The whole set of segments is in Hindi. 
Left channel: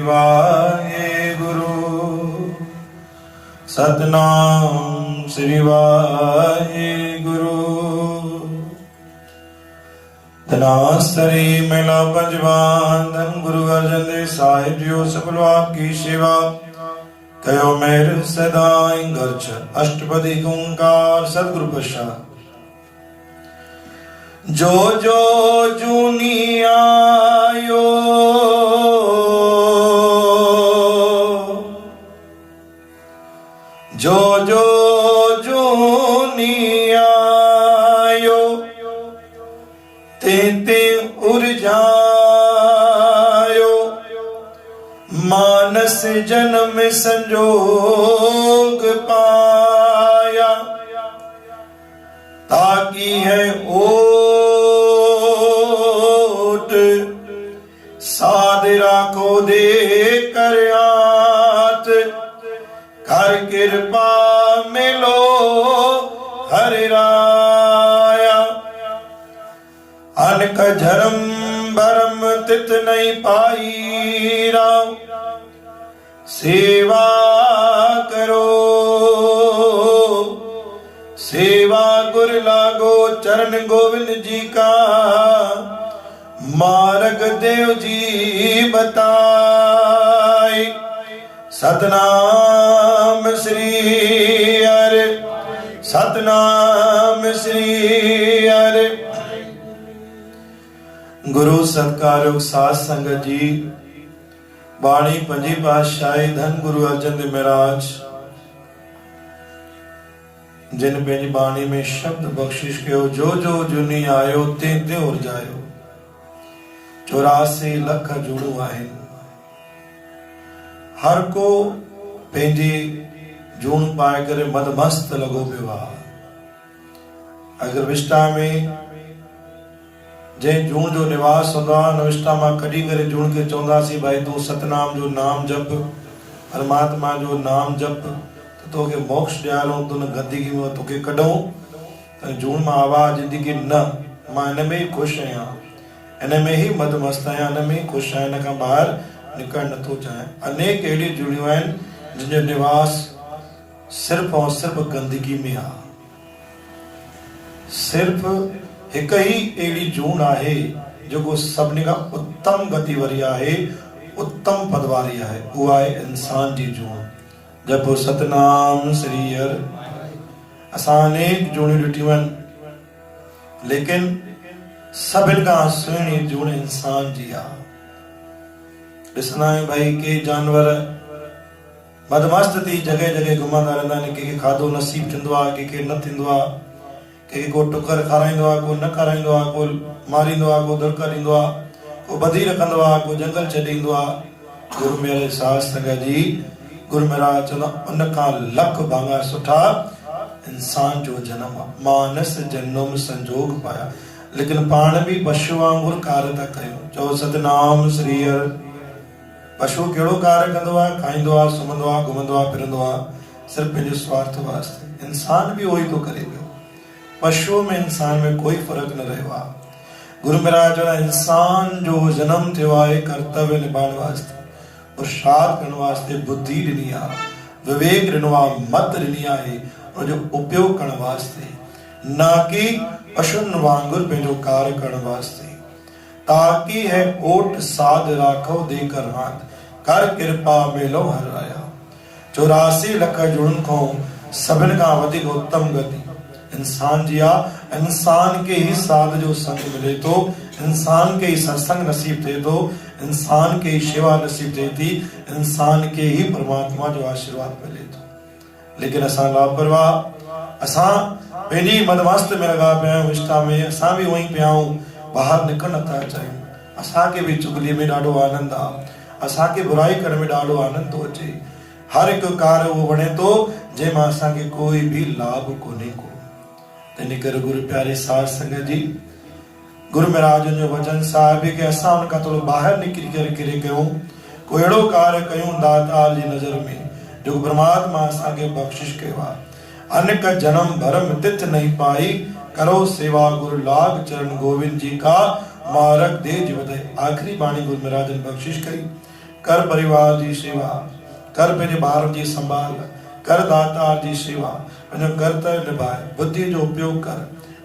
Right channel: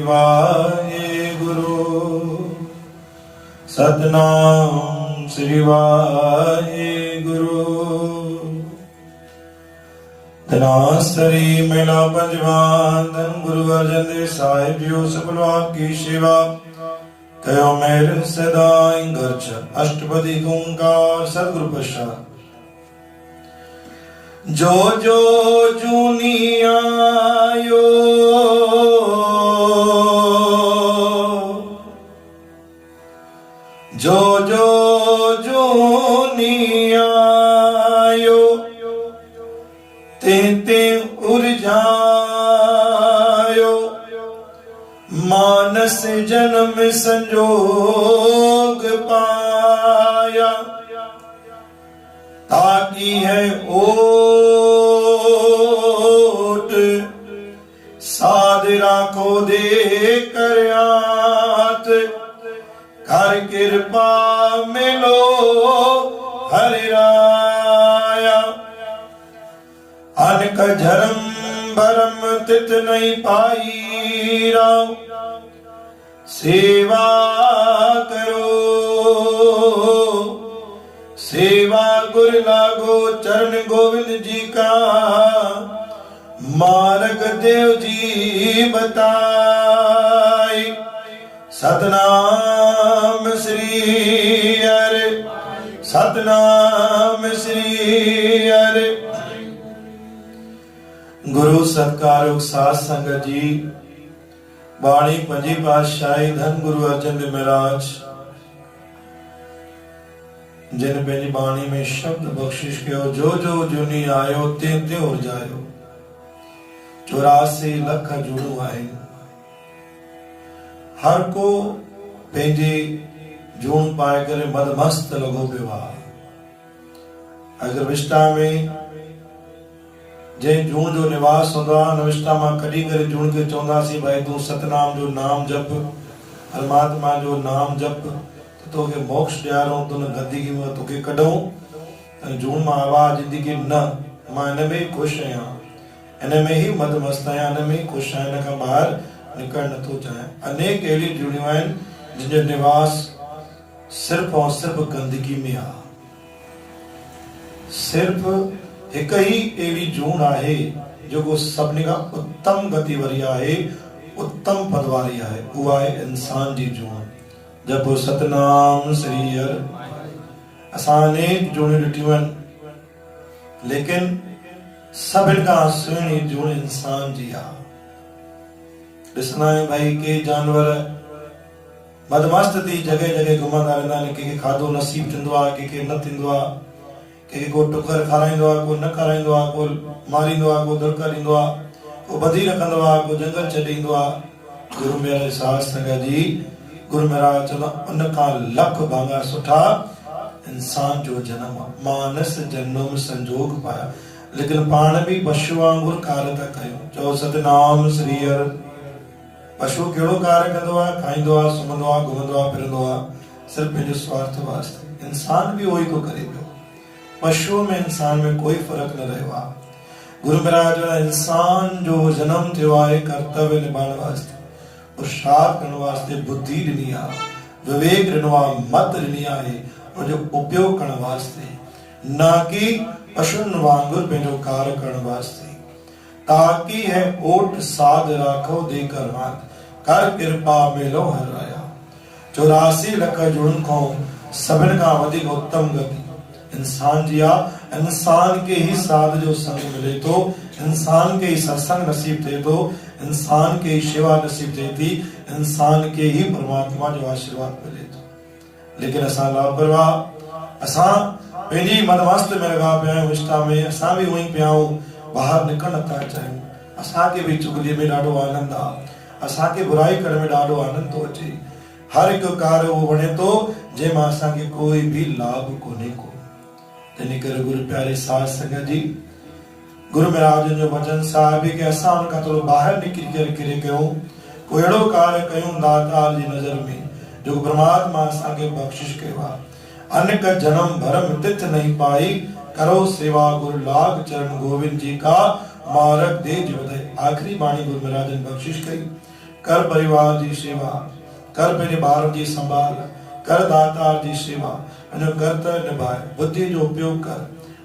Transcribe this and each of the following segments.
वाहे गुरु सतनाम श्री वाहे गुरु धनास्तरी मेला पंजवान धन गुरु अर्जन दे साहित्यो सफलवान की सेवा कयो मेर सदाई गर्ज अष्टपदी ओंकार सदगुरु प्रसाद जो जो जूनी आयो जो जो जूनी आयो ते ते उर्जायो मानस जन्म संजोग पाया ताकि है ओट साध राखो दे कर आत कर कृपा मिलो हरि राया अनक धर्म भरम तित नहीं पाई राम सेवा करो सेवा गुर लागो चरण गोविंद जी का मार्ग देव जी बताए सतनाम श्री हरि सतनाम श्री हरि। गुरु सत्कारयोग साध संगत जी बाणी पंजी पातशाही धन गुरु अर्जन देव महाराज जिन पंहिंजी बाणी में शब्द बख्शिश कयो जो जो जुनी आयो ते ते और जायो 84 लख जुड़ू आहिनि हर को पंहिंजी जून पाए करे मदमस्त लॻो पियो आहे। अगर विष्टा में जंहिं जून जो निवास हूंदो आहे न विष्टा मां कढी करे जून खे चवंदासीं भाई तूं सतनाम जो नाम जप परमात्मा जो नाम जप तोखे मोक्ष ॾियारूं तुन गंदगी में तोखे कढूं त जून मां आवाज़ ॾिनी न मां हिन में ई ख़ुशि आहियां हिन में ई मदमस्त आहियां हिन में ई ख़ुशि आहियां हिन खां ॿाहिरि निकरण नथो चाहियां। अनेक अहिड़ियूं जूणियूं आहिनि जिन जो निवास सिर्फ़ और सिर्फ़ गंदगी में आहे। सिर्फ़ हिकु ई अहिड़ी जून आहे जेको सभिनी खां उत्तम गति वारी आहे उत्तम पद वारी आहे उहा आहे इंसान जी जून। जब सतनाम श्री हरि असां अनेक जूणियूं ॾिठियूं आहिनि लेकिन सभिनि खां सुहिणी जूण इंसान जी आहे। ॾिसंदा आहियूं भाई के जानवर मदमस्त थी जॻह जॻह घुमंदा रहंदा आहिनि कंहिंखे खाधो नसीब थींदो आहे कंहिंखे न थींदो आहे कंहिंखे को टुकर खाराईंदो आहे को न खाराईंदो आहे को मारींदो आहे को दड़का ॾींदो आहे को ॿधी रखंदो आहे को जंगल छॾे ईंदो आहे। गुरु मेरे साध संगत जी गुरु महाराज चवंदा उन खां लख भाङा सुठा इंसान जो जनम आहे मानस जन्म संजोग पाया लेकिन पाण बि पशु वांगुरु कार्य था कयूं। चओ सतनाम श्री हरि। पशु कहिड़ो कार्य कंदो आहे खाईंदो आहे सुम्हंदो आहे घुमंदो आहे फिरंदो आहे सिर्फ़ पंहिंजे स्वार्थ वास्ते। इंसान बि उहो ई थो करे पियो पशुअ में इंसान में कोई फ़र्क़ु न रहियो आहे। गुरु महाराज इंसान जो जनम थियो आहे कर्तव्य निभाइण वास्ते पुरुषार्थ करण वास्ते बुद्धि ॾिनी आहे विवेक ॾिनो आहे मत ॾिनी आहे उनजो उपयोग करण वास्ते न कि पशुनि वांगुरु पंहिंजो कार्य करण वास्ते। ताकि है ओट साध राखो देकर हाथ कर कृपा मिलो हर राया। 84 लख जुड़न खां सभिनि खां वधीक उत्तम गति इंसान जी आहे। इंसान के ही साध जो संग मिले थो इंसान के ही सत्संग नसीब थिए थो इंसान के ही शेवा नसीब थिए थी इंसान के ही परमात्मा जो आशीर्वाद मिले थो। लेकिन असां लापरवाह असां पंहिंजी मदमस्त में लॻा पिया आहियूं विष्टा में असां बि उहो ई पिया आहियूं ॿाहिरि निकिरण नथा चाहियूं। असांखे बि चुगलीअ में ॾाढो आनंद आहे असांखे बुराई करण में ॾाढो आनंद थो अचे। हर हिकु कार्य उहो वणे थो जंहिंमां असांखे कोई बि लाभ कोन्हे को। तंहिं करे गुरु प्यारे साध संगत जी गुरु महाराज जो वचन साहिब कि असां उन खां थोरो ॿाहिरि निकिरी करे किरे कयूं को अहिड़ो कार्य कयूं दातार जी नज़र में जो परमात्मा असांखे बख़्शिश कयो आहे। अनेक जन्म भरम तिथ नहीं पाई करो सेवा गुरु लाग चरण गोविंद जी का मारक दे जीवत। आखिरी बाणी गुरु महाराज ने बख्शिश करी कर परिवार जी सेवा, कर पंहिंजे ॿारनि जी संभाल, कर दातार जी सेवा, पंहिंजो कर्तव्य निभाए, बुद्धि जो उपयोग कर,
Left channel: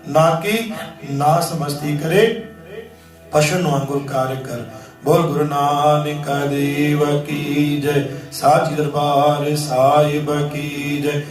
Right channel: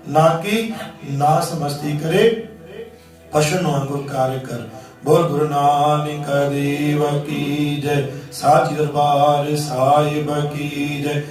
ना कि नास मस्ती करे पशुनि वांगुरु कार्य कर। बोल गुरु नानक देव की जय, साची दरबार साहिब की जय।